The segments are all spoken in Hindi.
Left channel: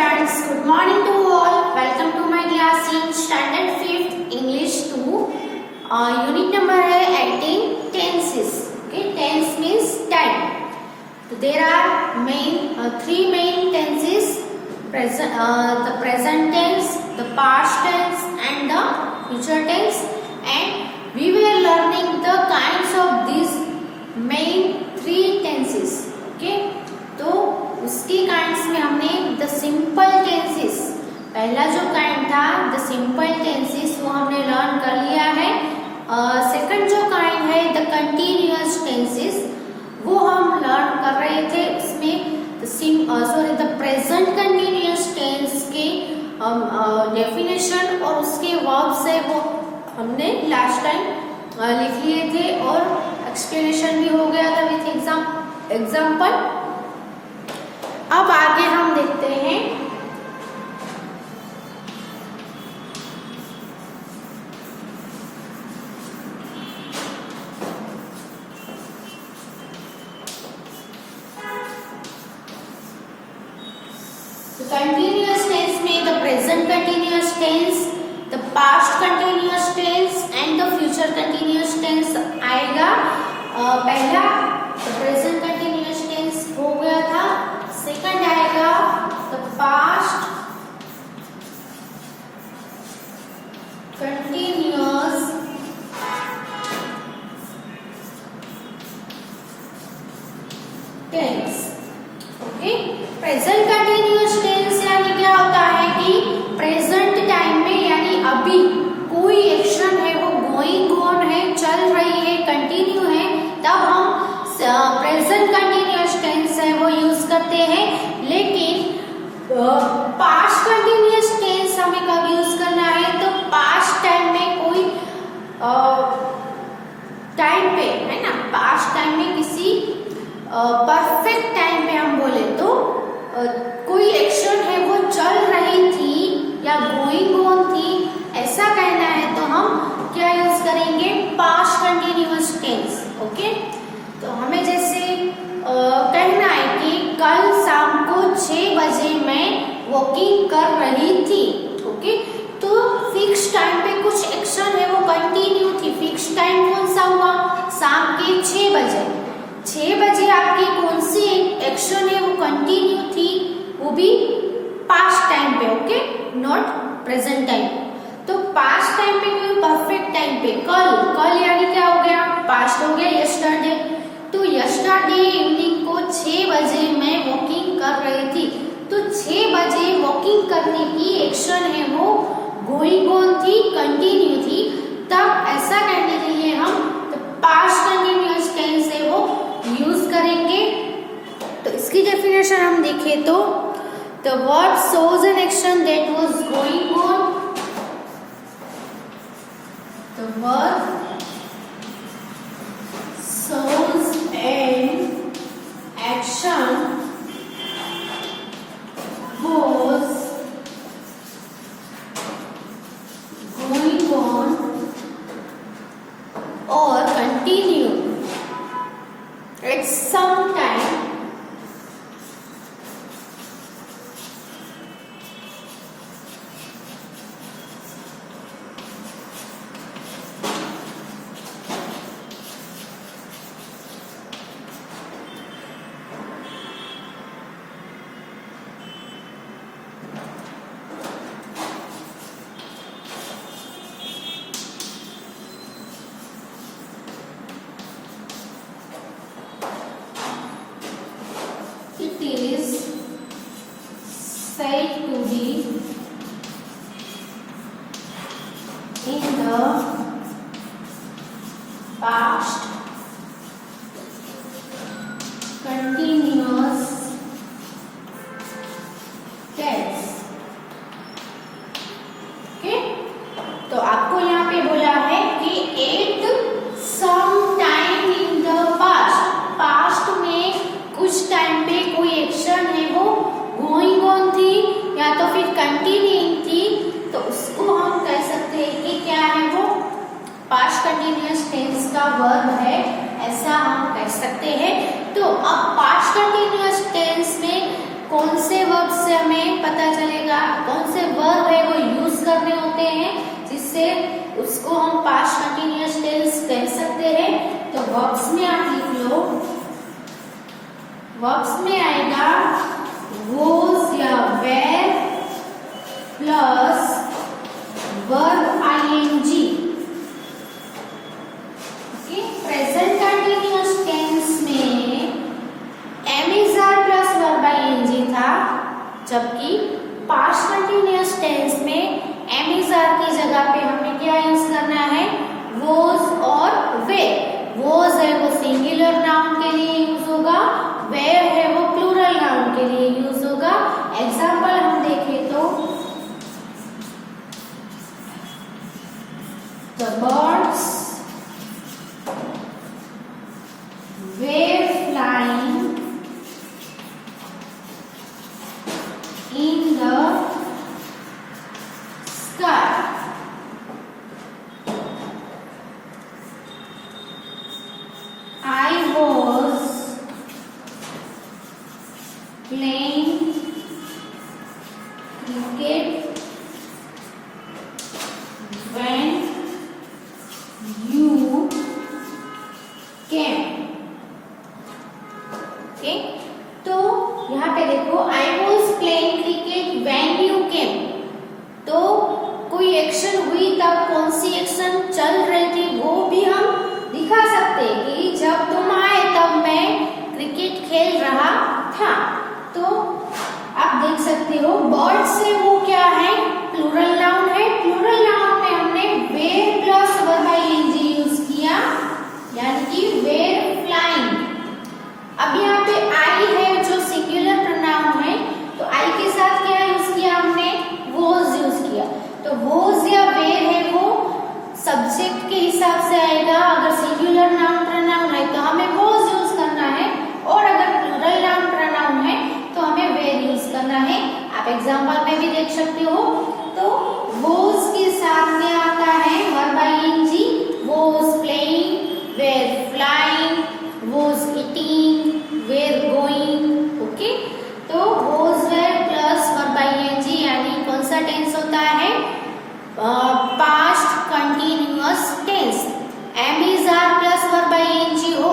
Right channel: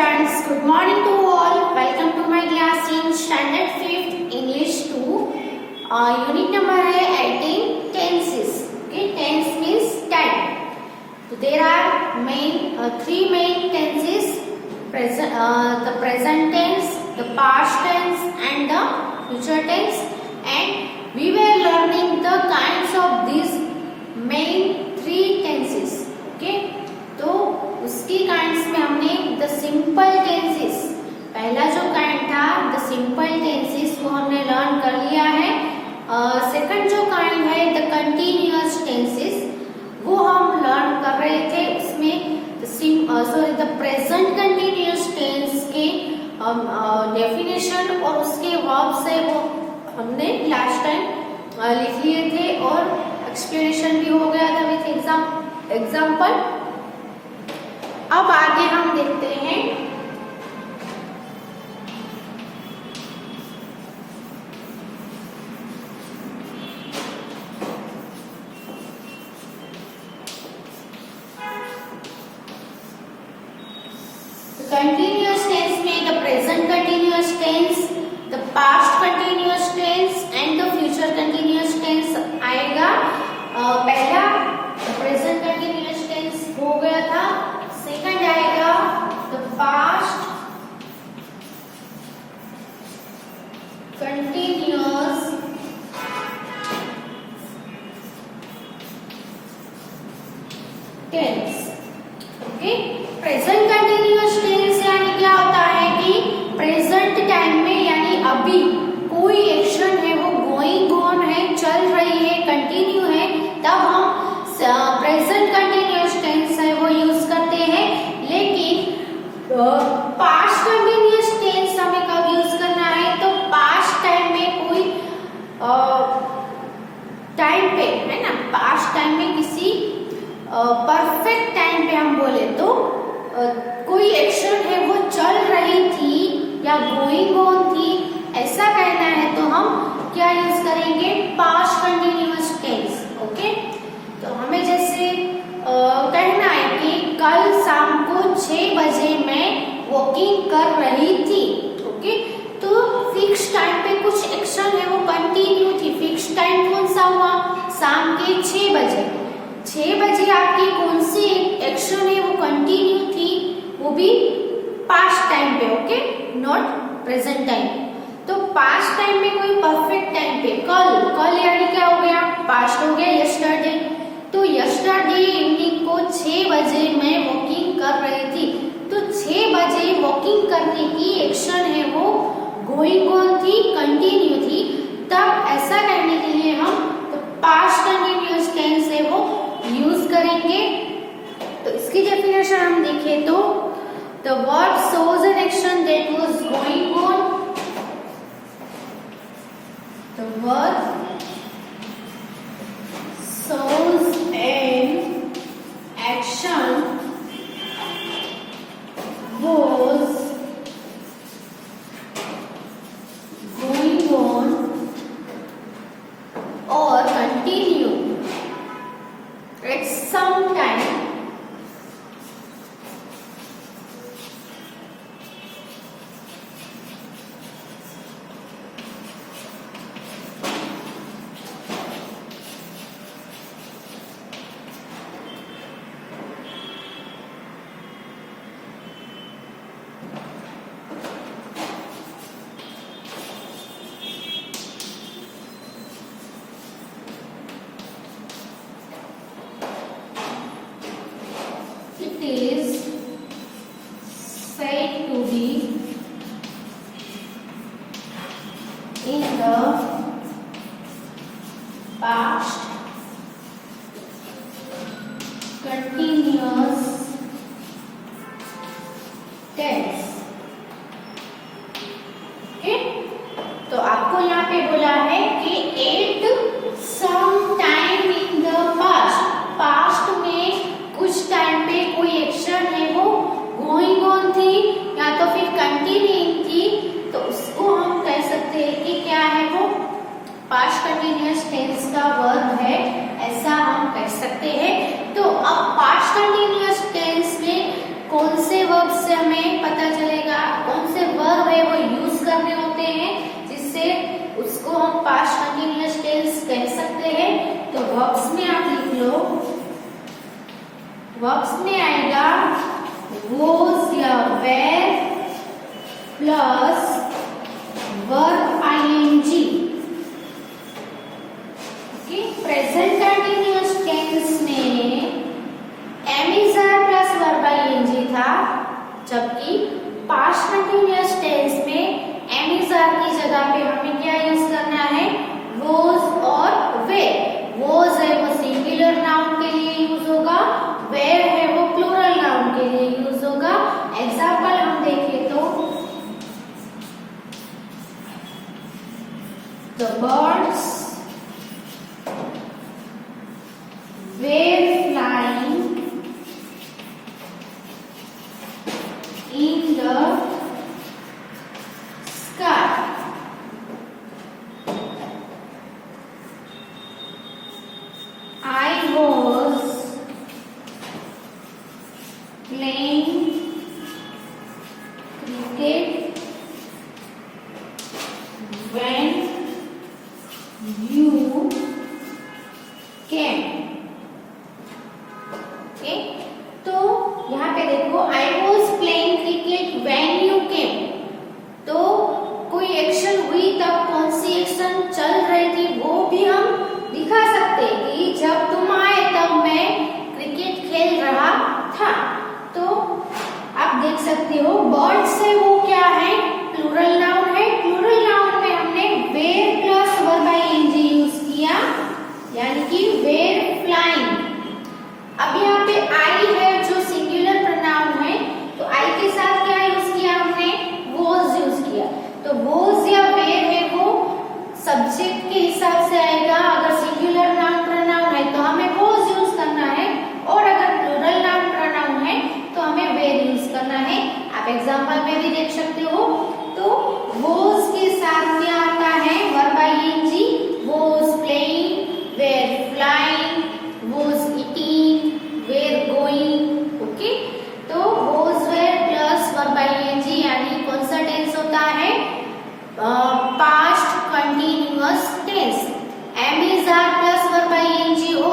students, good morning to all. Welcome to my class in standard 5th English 2. Unit number है 18 tenses. Okay, tense means time. So there are three main tenses: the present tense, the past tense, and the future tense. And we were learning the kinds of these main three tenses. Okay, तो उसकी काइंड्स में हमने द सिंपल टेंसेस, पहला जो काइंड था द सिंपल टेंसेस, वो हमने लर्न कर लिया है. सेकंड जो काइंड है द कंटिन्यूअस टेंसेस, वो हम लर्न कर रहे थे. उसमें द प्रेजेंट कंटिन्यूअस टेंस के डेफिनेशन और उसके वर्ब से वो हमने लास्ट टाइम लिख लिए थे और एक्सप्लेनेशन भी हो गया था विथ एग्जाम्पल. अब आगे हम देखते हैं कंटिन्यूअस टेंस में the present continuous tense, the past continuous tense and the future continuous tense आएगा. पहला प्रेजेंट कंटिन्यूअस टेंस हो गया था. सेकंड आएगा the past continuous tense. Okay, present continuous tense यानी क्या होता है कि प्रेजेंट टाइम में यानी अभी कोई एक्शन है वो गोइंग ऑन है, चल रही है, कंटिन्यू है, तब हम प्रेजेंट कंटिन्यूअस टेंस है वो यूज करते हैं. लेकिन पास्ट कंटिन्यूअस टेंस हमें कब यूज करना है? तो पास्ट टाइम में कोई टाइम पे है ना, पास्ट टाइम में किसी परफेक्ट टाइम पे हम बोले तो कोई एक्शन है वो चल रही थी या गोइंग ऑन थी, ऐसा कहना है तो हम क्या यूज करेंगे? Past continuous tense. ओके, तो हमें जैसे कहना है कि कल शाम को 6 बजे मैं वॉकिंग कर रही थी. ओके, तो फिक्स टाइम पे कुछ एक्शन है वो कंटिन्यू थी. फिक्स टाइम कौन सा हुआ? शाम के 6 बजे. 6 बजे आपकी कौन सी एक्शन है वो कंटिन्यू थी, वो भी पास्ट टाइम पे. Okay, not present time. तो पास्ट टाइम में कोई परफेक्ट टाइम पे कल यानी क्या हो गया? पास्ट हो गया यस्टरडे. तो यस्टरडे इवनिंग को 6 बजे मैं वॉकिंग कर रही थी. तो 6 बजे वॉकिंग करने की एक्शन है वो गोइंग ऑन थी, कंटिन्यू थी. तब ऐसा कहने के लिए हम तो पास्ट कंटिन्यूअस टेंस है वो यूज करेंगे. तो इसकी डेफिनेशन हम देखें तो the verb shows an action that was going on. The verb shows an action was going on or continue at some time is said to be in the past continuous tense. Okay, तो आपको यहाँ पे बोला है कि at some time in the past, past में कुछ टाइम पे कोई एक्शन है वो गोइंग ऑन थी या तो फिर कंटिन्यूइंग थी, तो उसको हम कह सकते हैं कि क्या है वो पास्ट कंटिन्यूअस टेंस का वर्ब है, ऐसा हम कह सकते हैं. तो अब पास्ट कंटिन्यूअस टेंस में कौन से वर्ब से हमें पता उसको हम पास्ट कंटिन्यूअस टेंस कह सकते हैं। तो वर्ब्स में आप लिख लो, वर्ब्स में आएगा वोज या were plus verb ING. Okay, present continuous tense में am is are plus verb ING था, जबकि पास्ट कंटिन्यूअस टेंस में एम इज आर की जगह पे हमें क्या यूज करना है, वोज और वेर। वोज है वो सिंगुलर नाउन के लिए यूज होगा, वेर है वो प्लूरल नाउन के लिए यूज होगा। एग्जाम्पल हम देखें तो the birds were flying in the sky. I was playing cricket when you came. Okay, तो यहाँ पे देखो I was playing cricket when you came. तो कोई एक्शन हुई तब कौन सी एक्शन चल रही थी वो भी हम दिखा सकते हैं कि जब तुम आए तब मैं क्रिकेट खेल रहा था। तो आप देख सकते हो बर्ड्स से वो क्या है, प्लूरल नाउन है। प्लूरल नाउन में हमने were plus verb ING use किया, यानी कि वेर फ्लाइंग। अब यहाँ पे आई है जो सिंगुलर प्रोनाउन है, तो आई के साथ क्या यूज किया हमने, वोज यूज किया। तो वोज या वेर है वो सब्जेक्ट के हिसाब से आएगा। अगर सिंगुलर नाउन प्रोनाउन है तो हमें वोज यूज करना है, और अगर प्लूरल नाउन प्रोनाउन है तो हमें वेर यूज करना है। आप एग्जाम्पल में भी देख सकते हो। तो वोज के साथ क्या आता है, verb ING, was playing, were flying, was eating, were going. Okay, तो was were plus verb ING यानी कौन सा टेंस होता है, past continuous tense. Am is are plus verb ING हो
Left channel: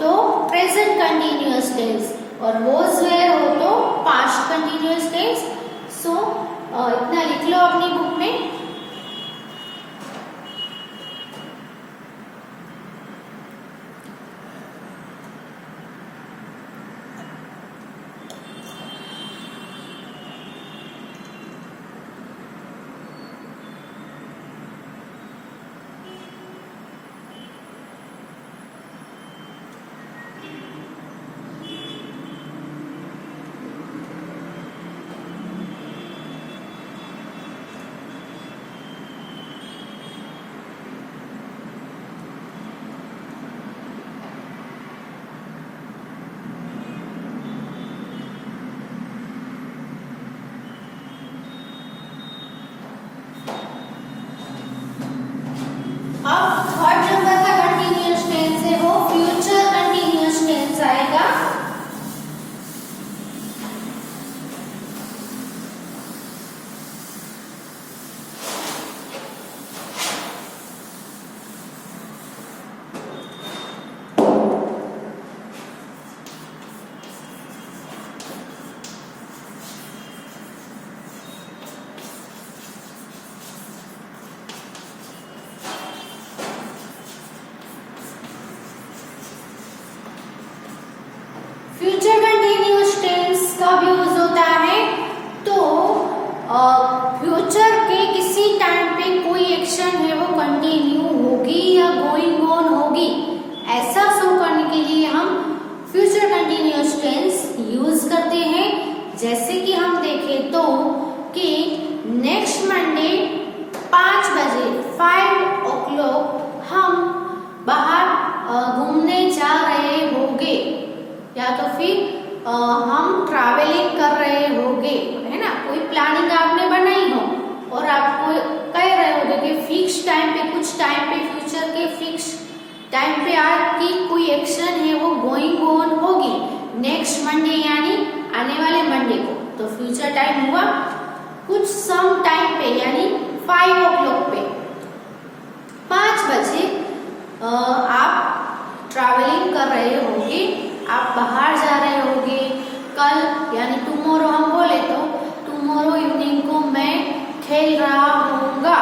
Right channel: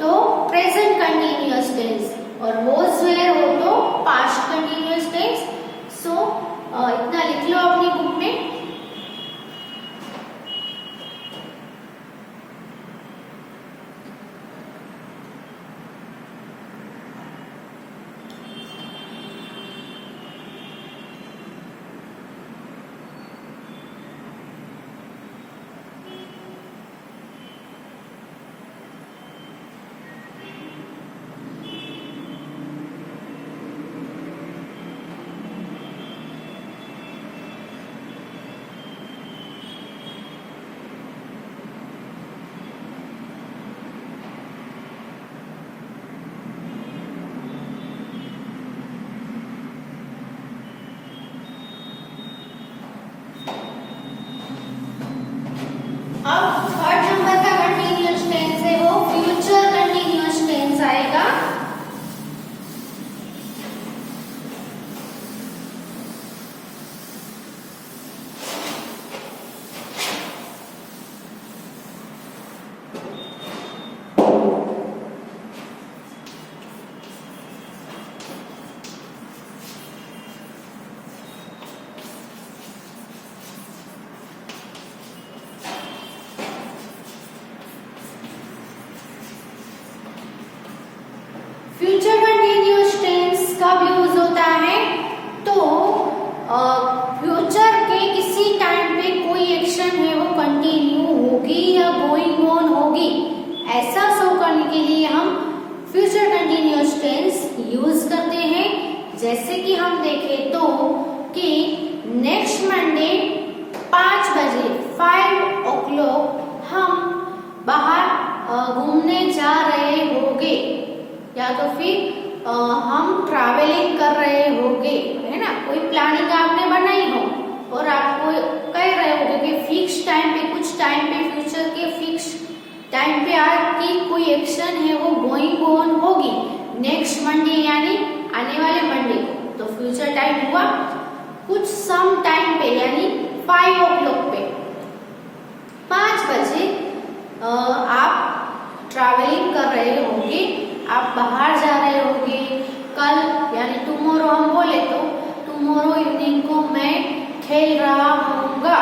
तो प्रेजेंट कंटिन्यूअस टेंस, और वोज वेर हो तो पास्ट कंटिन्यूअस टेंस। सो इतना लिख लो अपनी बुक में। अब थर्ड नंबर का कंटिन्यूअस टेंस है वो फ्यूचर कंटिन्यूअस टेंस आएगा। फ्यूचर कंटिन्यूअस टेंस कब यूज होता है, तो फ्यूचर के किसी टाइम पे कोई एक्शन है वो कंटिन्यू होगी या गोइंग ऑन होगी, ऐसा शो करने के लिए हम फ्यूचर कंटिन्यूअस टेंस यूज करते हैं। जैसे कि हम देखें तो कि नेक्स्ट मंडे 5 बजे 5 o'clock हम बाहर घूमने जा रहे होंगे, या तो फिर हम ट्रैवलिंग कर रहे होंगे, है ना। कोई प्लानिंग आपने बनाई हो और आपको कह रहे होगे कि फिक्स टाइम पे, कुछ टाइम पे, फ्यूचर के फिक्स टाइम पे आज की कोई एक्शन है वो गोइंग ऑन होगी नेक्स्ट मंडे यानी आने वाले मंडे को। तो फ्यूचर टाइम हुआ कुछ सम टाइम पे यानी 5 o'clock पे। 5 बजे आप ट्रैवलिंग कर रहे होंगे, आप बाहर जा रहे होंगे। कल यानी टुमारो हम बोले तो टुमारो इवनिंग को मैं खेल रहा हूँगा।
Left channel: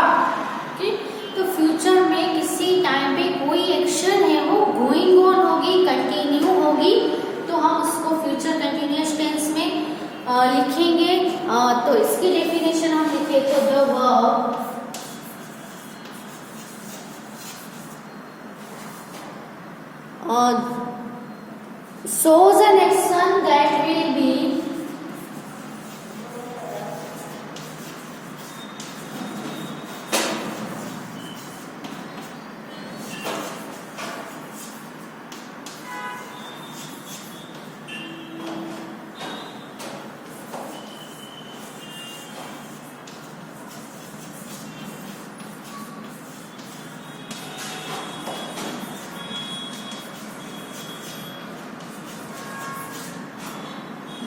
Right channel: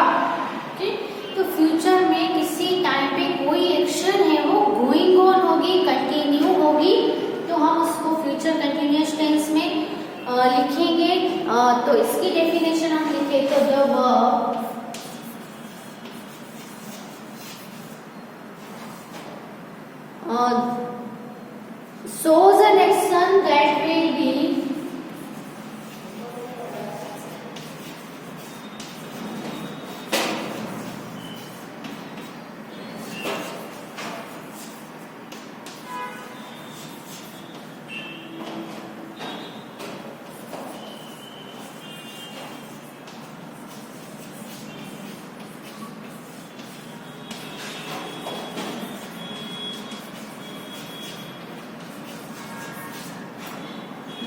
तो फ्यूचर में किसी टाइम पे कोई एक्शन है वो गोइंग ऑन होगी, कंटिन्यू होगी, तो हम उसको फ्यूचर कंटिन्यूअस टेंस में लिखेंगे। तो इसकी डेफिनेशन हम लिखे तो the verb shows an action that will be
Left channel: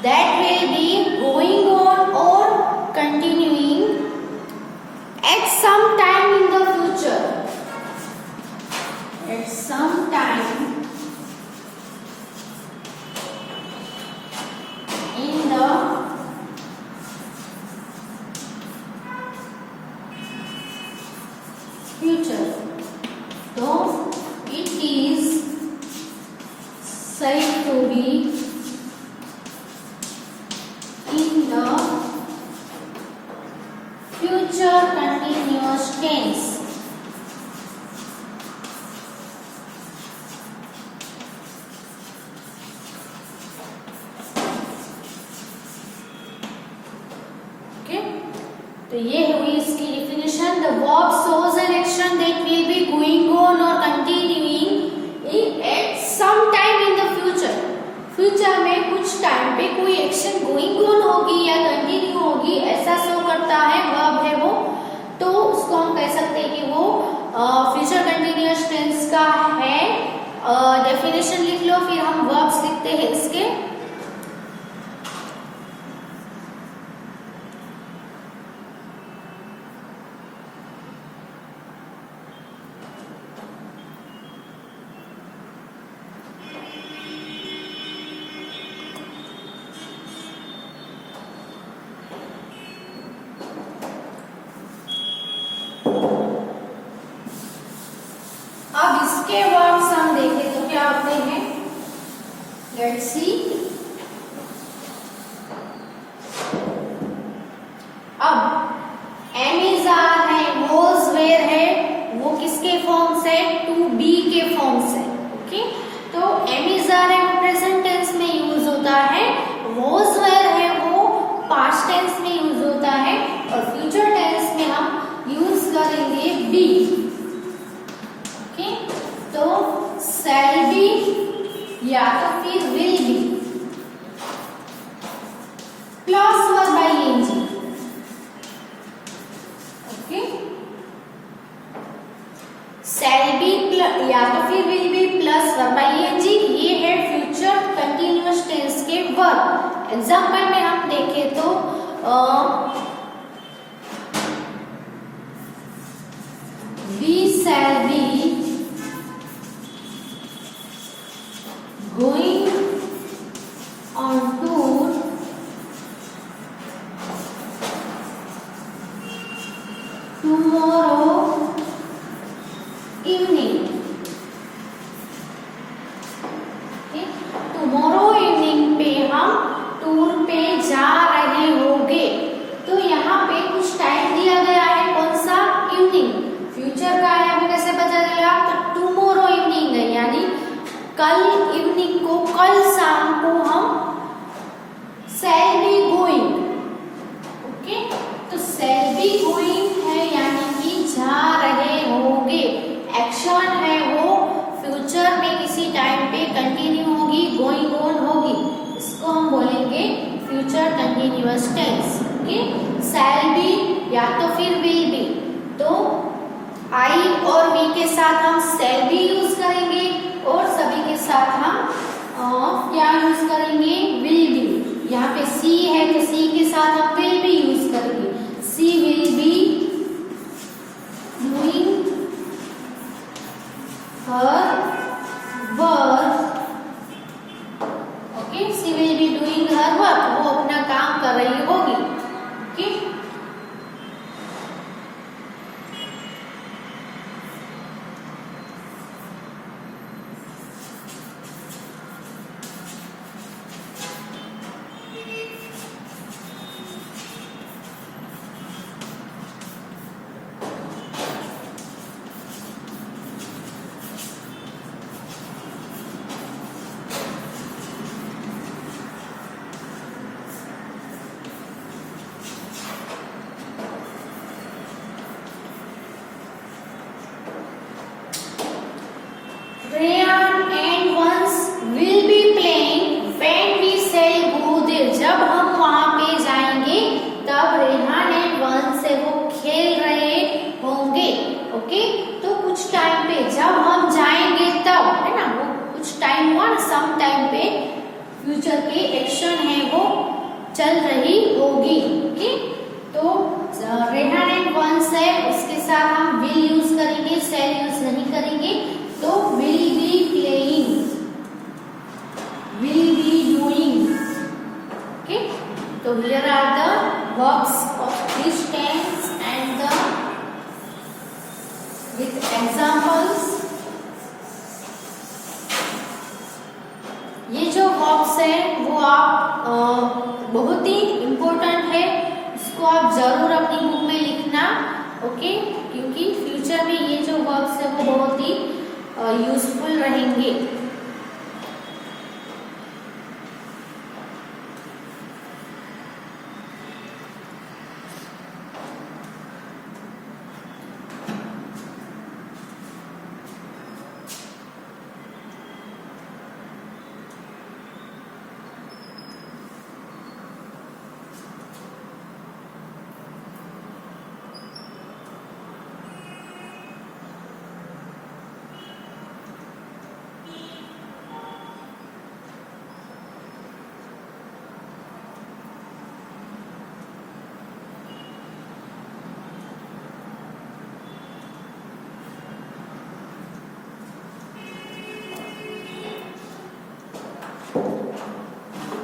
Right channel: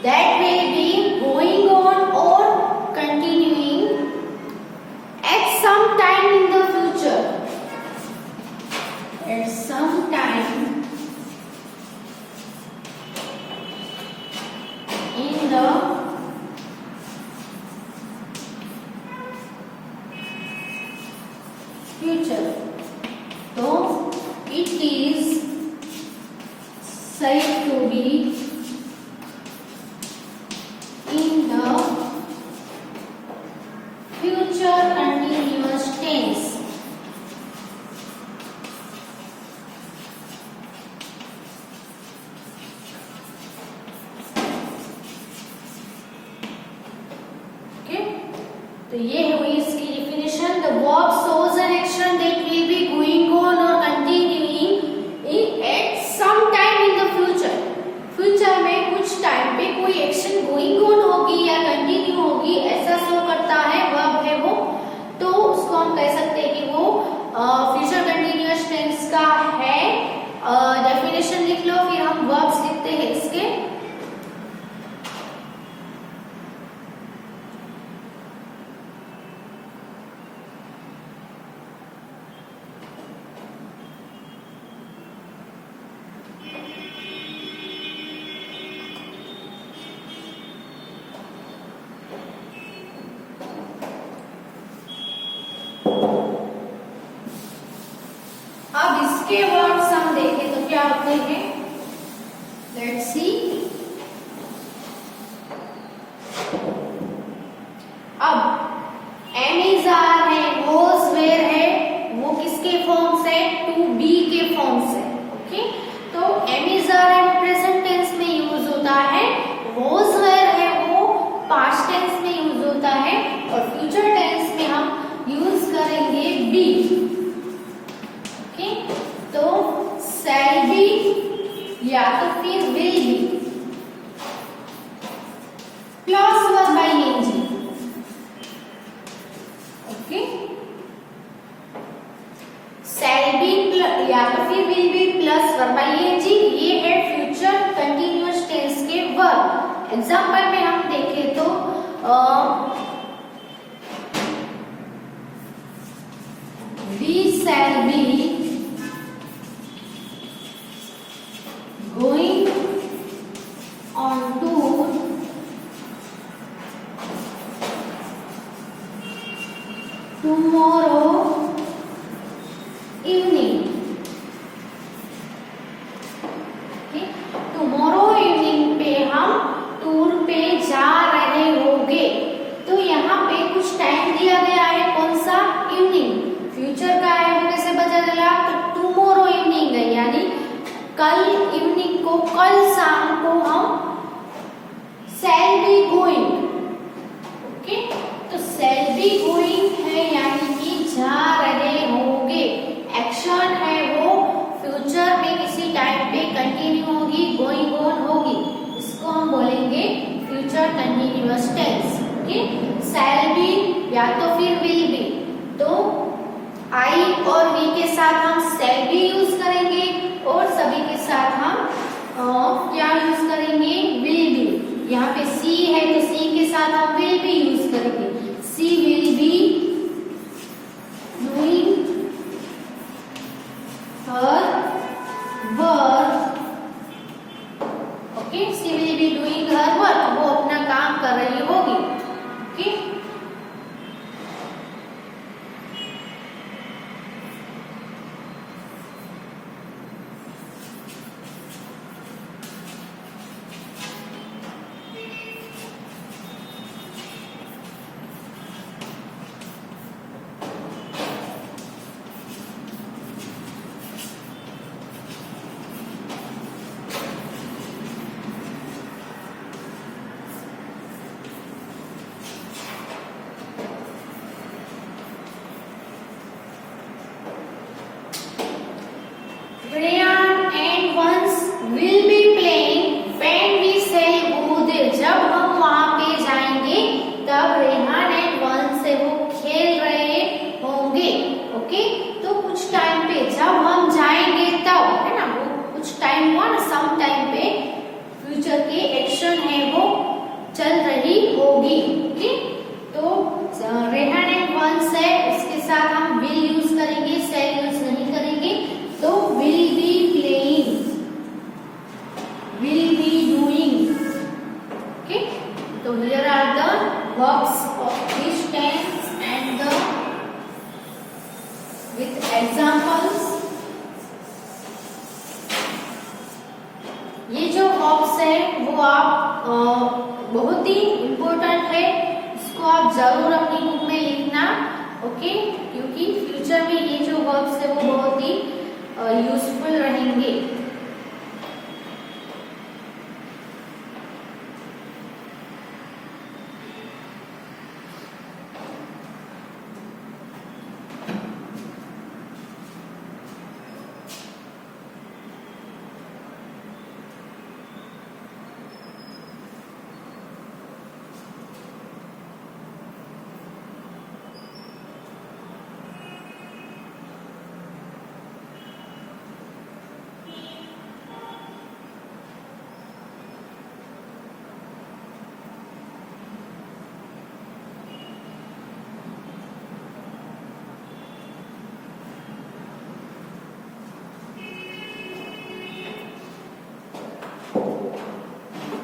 that will be going on or continuing at some time in the future. At some time in the future. So it is said to be in the future continuous tense. Okay, तो ये हुई इसकी definition. The verb shows an action that will be going on or continuing at some time in the future. Future में कुछ टाइम पे कोई एक्शन गोइंग ऑन होगी या कंटिन्यू होगी ऐसा शो करता है, वर्ब है वो, तो उसको हम कह सकते हैं कि वो फ्यूचर कंटिन्यूअस टेंस का है। डेफिनेशन लिख लो, फिर हम वर्ब्स लिखते हैं इसके। अब इसके वर्ड्स हम देखें तो क्या होते हैं, लेट्स सी। अब एम आर है, वॉज वेयर है, वो किसके फॉर्म से, टू बी के फॉर्म से। ओके, तो एम आर है वो प्रेजेंट टेंस में यूज होता है, वॉज वेयर है वो पास्ट टेंस में यूज होता है, और फ्यूचर टेंस में हम यूज करेंगे बी। तो शैल बी या तो फिर will be plus verb ING. Okay, shall be या तो फिर will be plus verb ING, ये है फ्यूचर कंटिन्यूअस टेंस के वर्ब। एग्जांपल में हम देखें तो we shall be going on tour tomorrow evening. Okay? tomorrow evening पे हम टूर पे जा रहे होंगे। तो यहाँ पे कुछ टाइम दिया गया है, कौन सा, इवनिंग। फ्यूचर का है वो कैसे बचा गया, तो टुमारो इवनिंग है, यानी कल इवनिंग को, कल शाम को हम शैल बी गोइंग। ओके, तो शैल बी गोइंग है यानी कि जा रहे होंगे, एक्शन है वो फ्यूचर में किसी टाइम पे कंटिन्यू होगी, गोइंग ऑन होगी, इसको हम बोलेंगे future continuous tense. Okay, shall be या तो फिर विल बी, तो आई और वी के साथ हम शैल बी यूज करेंगे और सभी के साथ हम क्या यूज करेंगे, विल बी। यहाँ पे सी है तो सी के साथ हम विल बी यूज करेंगे, she will be doing some time पे फ्यूचर के एक्शन है वो चल रही होगी। ओके, तो रेहान एंड वंस है, उसके साथ हम विल यूज करेंगे, शैल यूज नहीं करेंगे। तो will be playing, will be doing. Okay, तो here are the verbs of this tense and the with examples. ये जो वर्ब्स है वो आप बहुत ही इम्पोर्टेंट है, इसको आप जरूर अपनी बुक में लिखना। ओके, क्योंकि फ्यूचर में ये जो वर्ब्स है वो बहुत ही यूजफुल रहेंगे।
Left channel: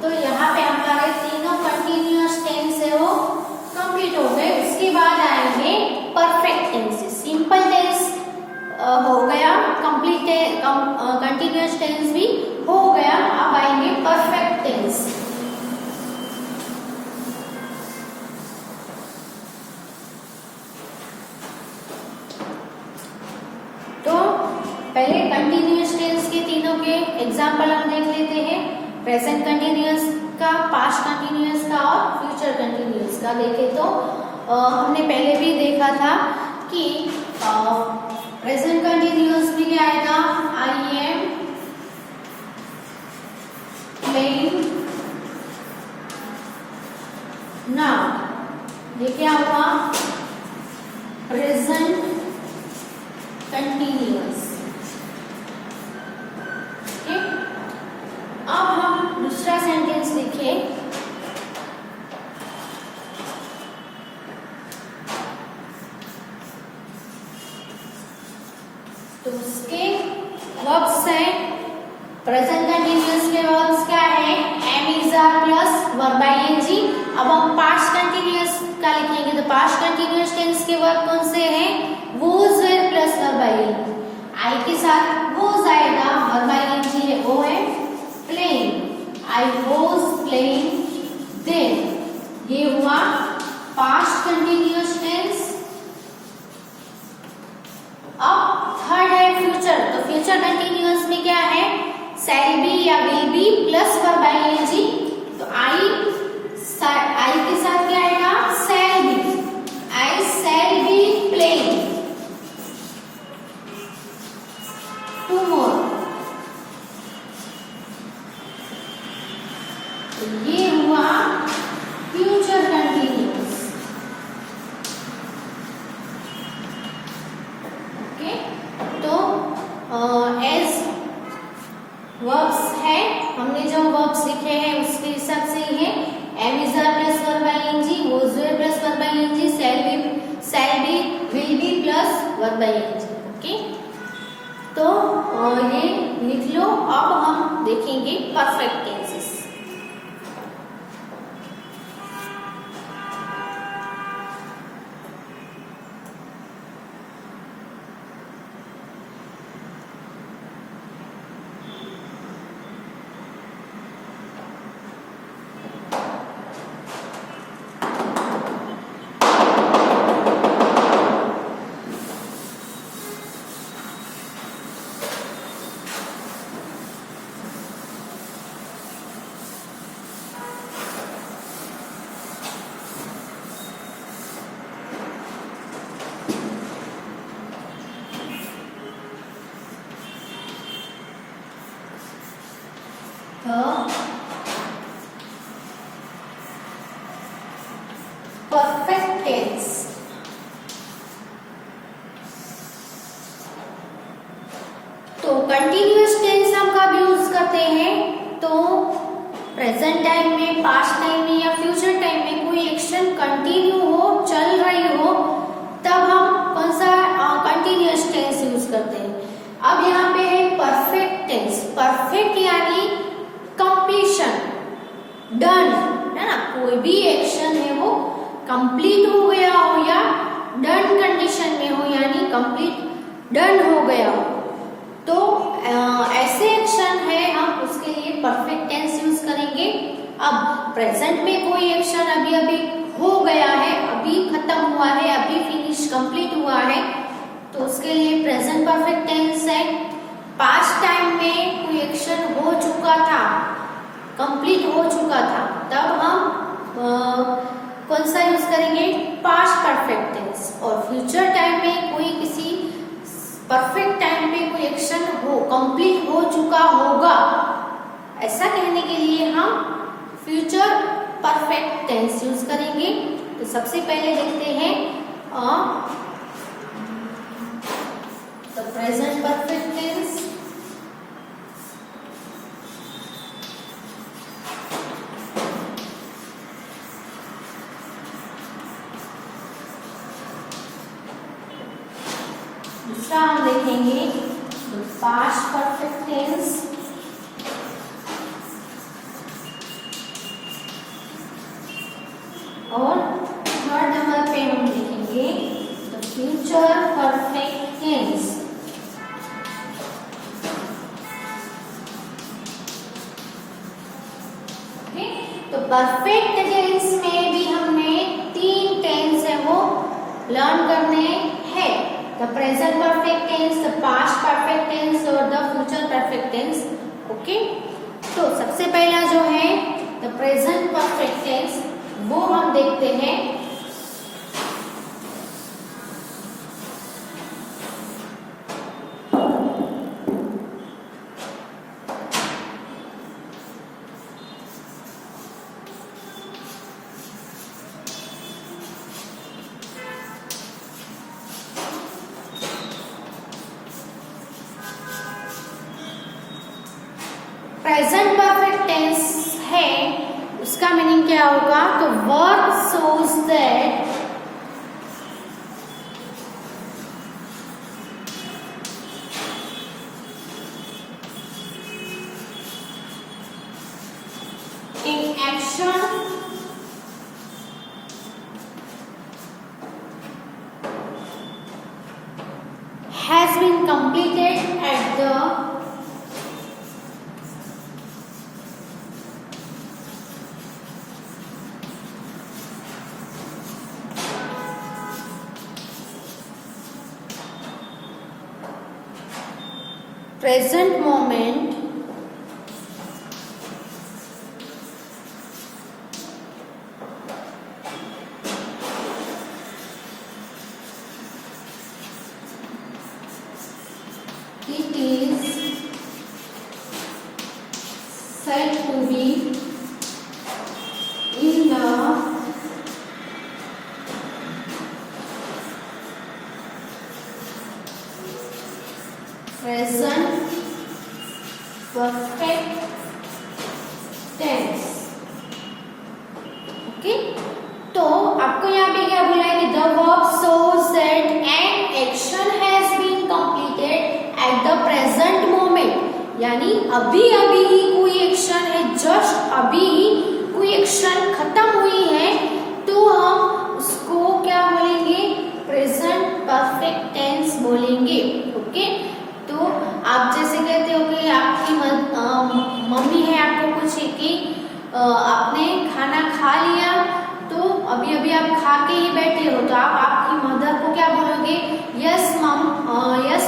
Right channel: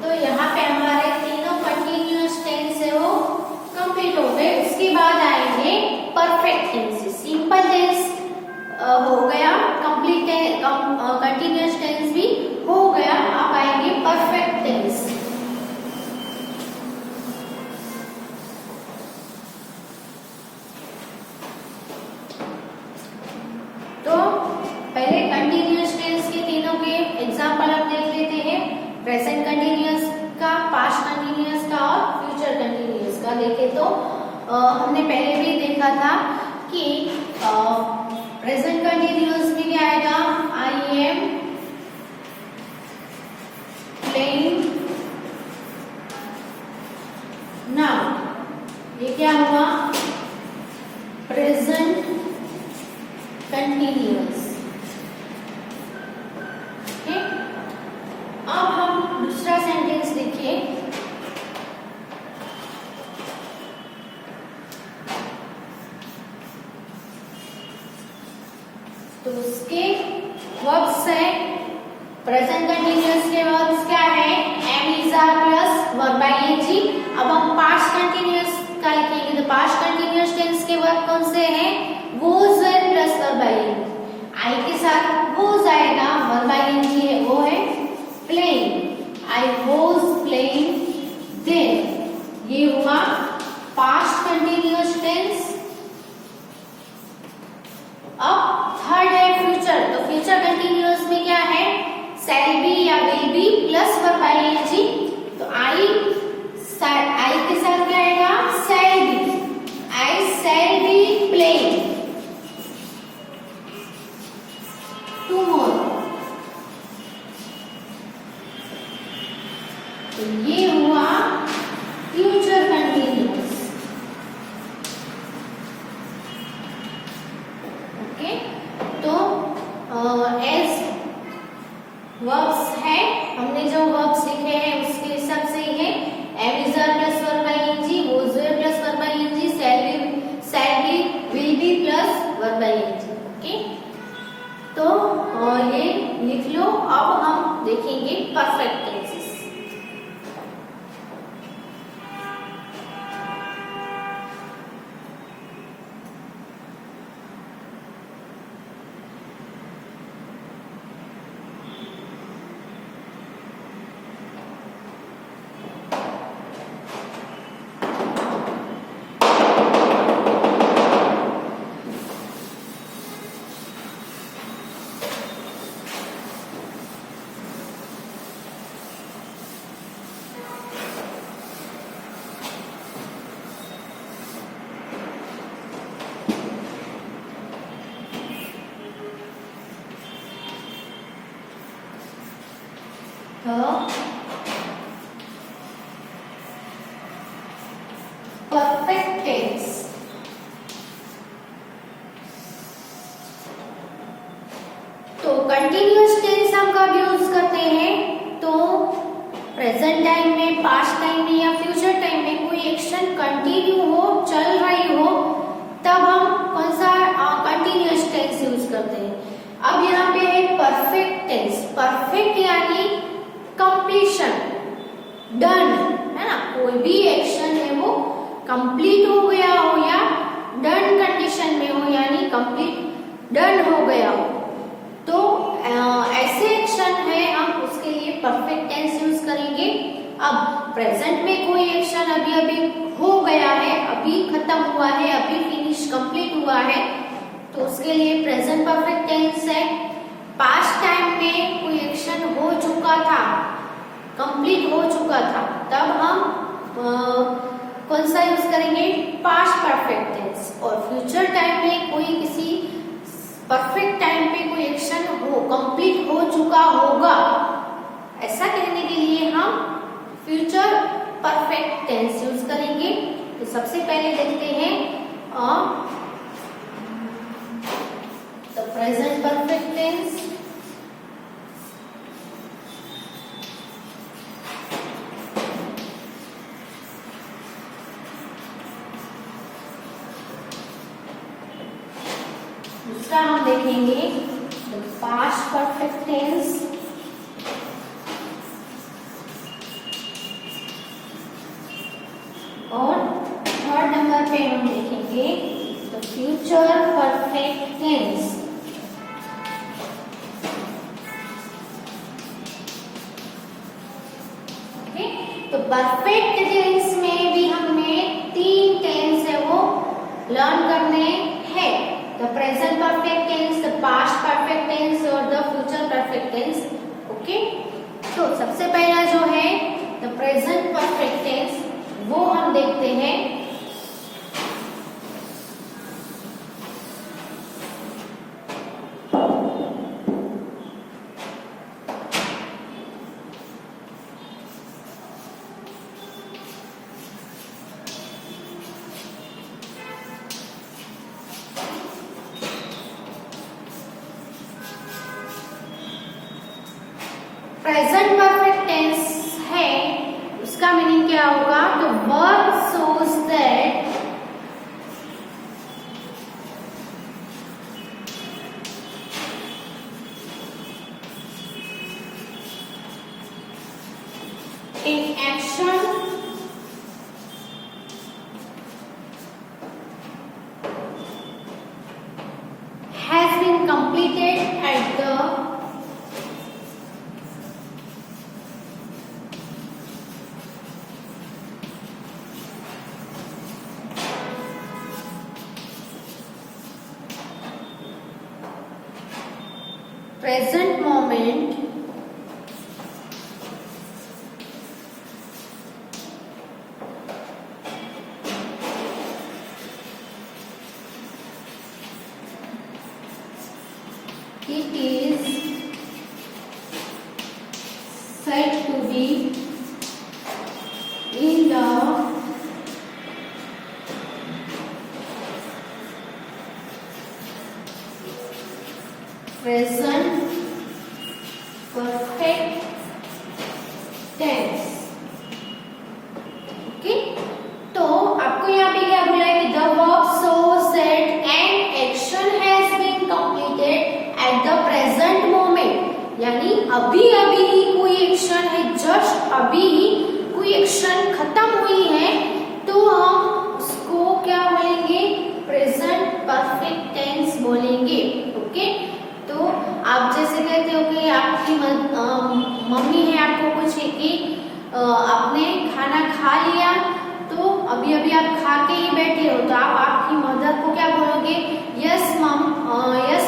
तो यहाँ पे हमारे तीनों कंटिन्यूअस टेंस है वो कंप्लीट हो गए। उसके बाद आएंगे परफेक्ट टेंसेस। सिंपल टेंस हो गया, कंप्लीट कंटिन्यूअस टेंस भी हो गया, अब आएंगे परफेक्ट टेंस। तो पहले कंटिन्यूअस टेंस के तीनों के एग्जाम्पल हम देख लेते हैं। प्रेजेंट कंटिन्यूअस का, पास्ट कंटिन्यूअस का और फ्यूचर कंटिन्यूअस का देखें तो हमने पहले भी देखा था कि प्रेजेंट कंटिन्यूअस में क्या आएगा, आई एम प्लेइंग नाउ। ये क्या हुआ, प्रेजेंट कंटिन्यूअस। ओके, अब हम दूसरा सेंटेंस देखिए। तो उसके वर्ब्स है, प्रेजेंट कंटिन्यूअस के वर्ब्स क्या है, am is are plus verb ING. अब हम पास्ट कंटिन्यूअस का लिखेंगे, तो पास्ट कंटिन्यूअस टेंस के वर्ब कौन से हैं, was were plus verb ING. I के साथ वोज आएगा, वर्ब आईएनजी है वो है playing, I was playing then. ये हुआ पास्ट कंटिन्यूअस टेंस। अब थर्ड है फ्यूचर। तो फ्यूचर कंटिन्यूअस में क्या है, शैल बी या will be plus verb ING. तो आई के साथ क्या आएगा, shall be, I shall be playing tomorrow. तो ये हुआ फ्यूचर कंटिन्यूअस। ओके, तो एज वर्ब्स है, हमने जो वर्ब्स लिखे हैं उसके हिसाब से ही है, am is are plus verb ING, was were plus verb ING, shall be, will be plus verb ING. Okay, तो ये लिख लो। अब हम देखेंगे परफेक्ट टेंसेस। Perfect tense. तो कंटिन्यूअस कंटिन्यूअस टेंस हम कब यूज करते हैं? तो प्रेजेंट टाइम में, पास्ट टाइम में या फ्यूचर टाइम में कोई एक्शन कंटिन्यू हो, चल रही हो, तब हम कौन सा कंटिन्यूअस टेंस यूज करते हैं। अब यहाँ पे है परफेक्ट टेंस। परफेक्ट यानी कंप्लीशन, डन, है ना। कोई भी एक्शन है वो कंप्लीट हो गया हो या डन कंडीशन में हो, यानी कंप्लीट डन हो गया हो, तो ऐसे एक्शन है हम उसके लिए परफेक्ट टेंस यूज करेंगे। अब प्रेजेंट में कोई एक्शन अभी अभी हो गया है, अभी खत्म हुआ है, अभी फिनिश कंप्लीट हुआ है, तो उसके लिए प्रेजेंट परफेक्ट टेंस है। पास्ट टाइम में कोई एक्शन हो चुका था, कंप्लीट हो चुका था, तब हम कौन सा यूज करेंगे? Past perfect tense. और फ्यूचर टाइम में कोई किसी परफेक्ट टाइम पे कोई एक्शन हो, कंप्लीट हो चुका होगा, ऐसा कहने के लिए हम फ्यूचर परफेक्ट टेंस यूज करेंगे। तो सबसे पहले देखते हैं द प्रेजेंट परफेक्ट टेंस। दूसरा हम देखेंगे द पास्ट परफेक्ट टेंस। और थर्ड नंबर पे हम देखेंगे the future perfect tense. Okay, तो परफेक्ट टेंस में भी हमें 3 टेंस है वो लर्न करने हैं। The present perfect tense, the past perfect tense और the future perfect tense. Okay, तो सबसे पहला जो है द प्रेजेंट परफेक्ट टेंस, वो हम देखते हैं। प्रेजेंट परफेक्ट टेंस है, उसका मीनिंग क्या होगा? तो verb shows that an action has been completed at the present moment it is said to be in the present perfect tense। Okay, तो आपको यहाँ पे क्या बोला है कि the verb shows that an action has been completed at the present moment, यानी अभी अभी ही कोई एक्शन है, जस्ट अभी ही कोई एक्शन खत्म हुई है, तो हम उसको क्या बोलेंगे? प्रेजेंट परफेक्ट टेंस बोलेंगे। ओके, तो आप जैसे कहते हो कि आपकी मम्मी है, आपको पूछे कि आपने खाना खा लिया, तो अभी अभी आप खा के ही बैठे हो, तो आप आपकी मदर को क्या बोलोगे? यस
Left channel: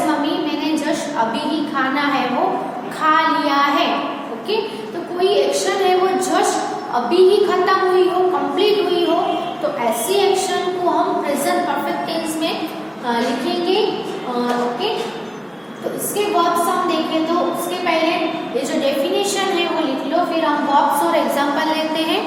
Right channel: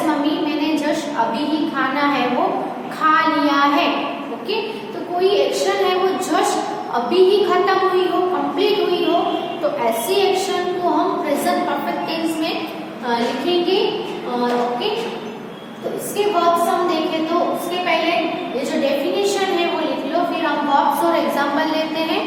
मम्मी, मैंने जस्ट अभी ही खाना है वो खा लिया है। ओके, तो कोई एक्शन है वो जस्ट अभी ही खत्म हुई हो, कंप्लीट हुई हो, तो ऐसी एक्शन को हम प्रेजेंट परफेक्ट टेंस में लिखेंगे। ओके, तो इसके वर्ब्स हम देखें तो उसके पहले ये जो डेफिनेशन है वो लिख लो, फिर हम वर्ब्स और एग्जांपल लेते हैं।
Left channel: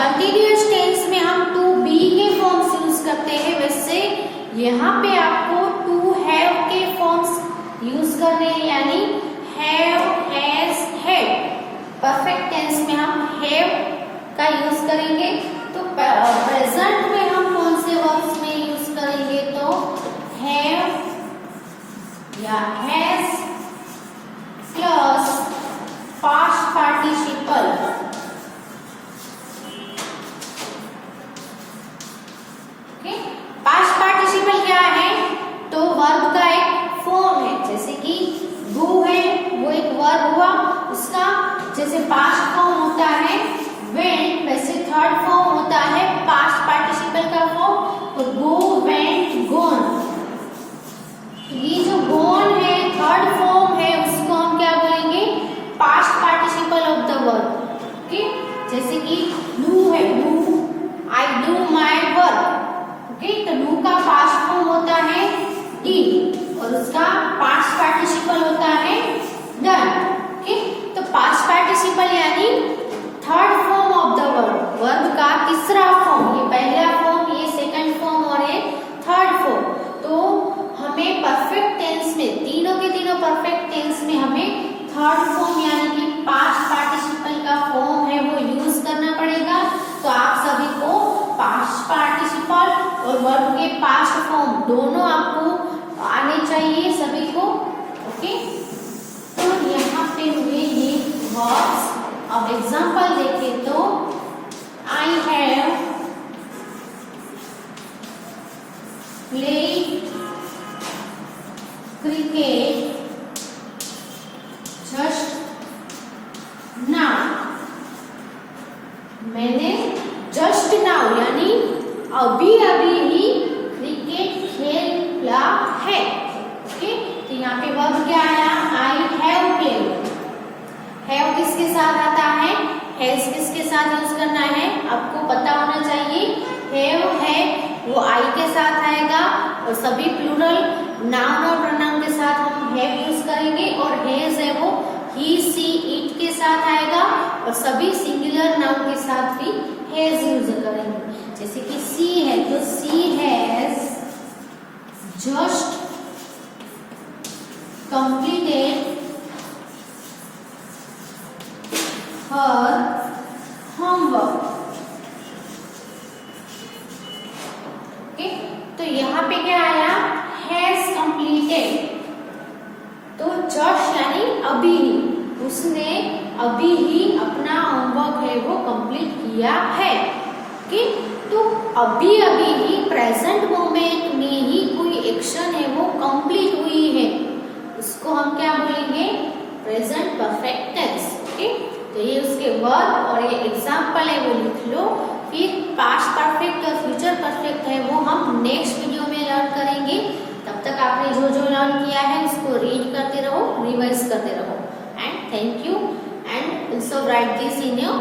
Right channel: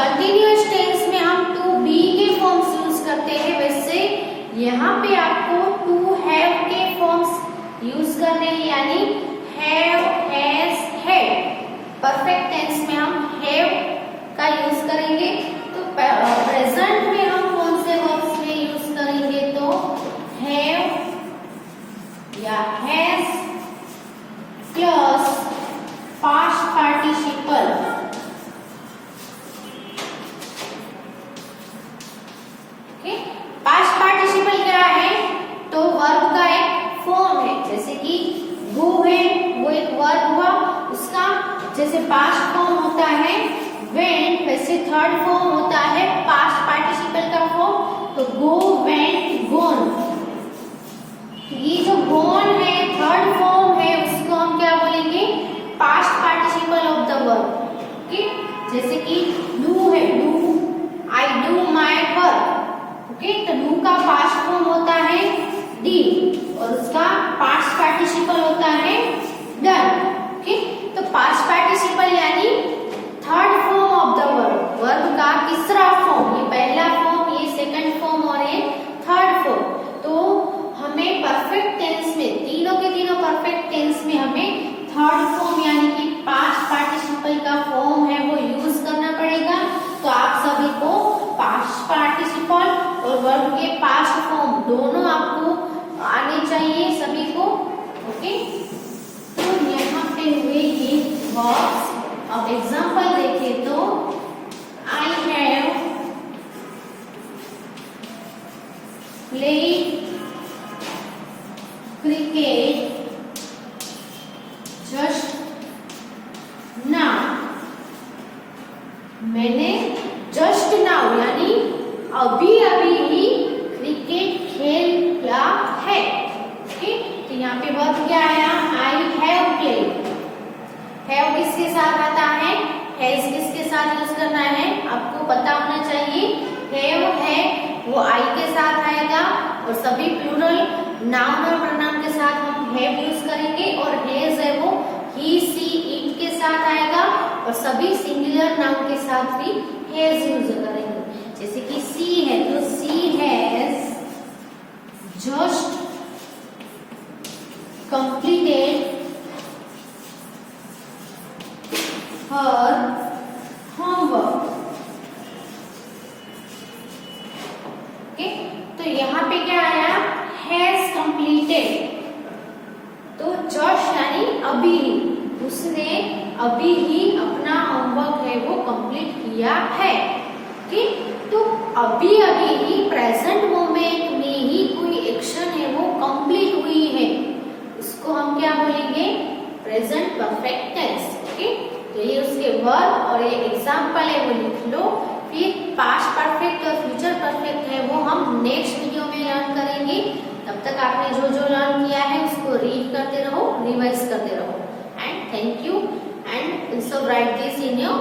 कंटिन्यूअस टेंस में हम टू बी के फॉर्म्स यूज करते हैं, वैसे यहाँ पे आपको टू हैव के फॉर्म्स यूज करने हैं, यानी have, has, had. Perfect tense में हम हैव का यूज करेंगे। तो प्रेजेंट में हम कौन से वर्ब्स में यूज करेंगे, तो हैव या has plus past participle. Past participle क्या है, तो वर्ब का एक फॉर्म है, जैसे कि गो है, वो एक वर्ब हुआ, उसका जैसे पास्ट फॉर्म होता है वेंट, वैसे थर्ड फॉर्म होता है पास्ट पार्टिसिपल का फॉर्म, तो गो, वेंट, गोन। ये जो गोन है थर्ड फॉर्म है, उसको हम क्या बोलेंगे, past participle of the verb. Okay, जैसे कि डू है, do, I do my work. Okay, तो डू का पास्ट फॉर्म होता है डीड और उसका पास्ट पार्टिसिपल होता है डन। ओके, तो पास्ट पार्टिसिपल यानी third form of the verb, verb का तीसरा फॉर्म। ये पहला फॉर्म, ये सेकंड फॉर्म और ये थर्ड फॉर्म। तो हमें परफेक्ट टेंस में, तीनों के तीनों परफेक्ट टेंस में हमें थर्ड फॉर्म यानी कि पास्ट पार्टिसिपल का फॉर्म है वो यूज करना पड़ेगा। तो आप सभी को पास्ट पार्टिसिपल और वर्ब के पास्ट फॉर्म दोनों आपको आने चाहिए सभी को। ओके, तो यहाँ पे हुए ये वर्ब्स। अब एग्जांपल देखें तो I have played cricket just now. मैंने जस्ट नाउ यानी अभी अभी ही क्रिकेट खेला है। ओके, तो यहाँ पे वर्ब क्या आया, आई हैव प्लेड। हैव किसके साथ आता है, हैज किसके साथ यूज करना है, आपको पता होना चाहिए। हैव है वो आई के साथ आएगा और सभी प्लूरल नाउन और प्रोनाउन के साथ हम हैव यूज करेंगे, और हैज है वो ही, सी, इट के साथ आएगा और सभी सिंगुलर नाउन के साथ भी हैज यूज करेंगे। जैसे कि सी है तो she has just completed her homework. Okay, तो यहाँ पे क्या आया, हैज कंप्लीटेड, तो जस्ट यानी अभी ही, उसने अभी ही अपना होमवर्क है वो कंप्लीट किया है। ओके, तो अभी अभी ही प्रेजेंट मोमेंट में ही कोई एक्शन है वो कंप्लीट हुई है, इसको हम क्या बोलेंगे, प्रेजेंट परफेक्ट टेंस। ओके, तो ये उसके वर्ब और ये एग्जाम्पल है वो लिख लो। फिर पास्ट परफेक्ट और फ्यूचर परफेक्ट है वो हम नेक्स्ट वीडियो में लर्न करेंगे। तब तक आपने जो जो लर्न किया है उसको रीड करते रहो, रिवाइज करते रहो। And thank you, and also write this in your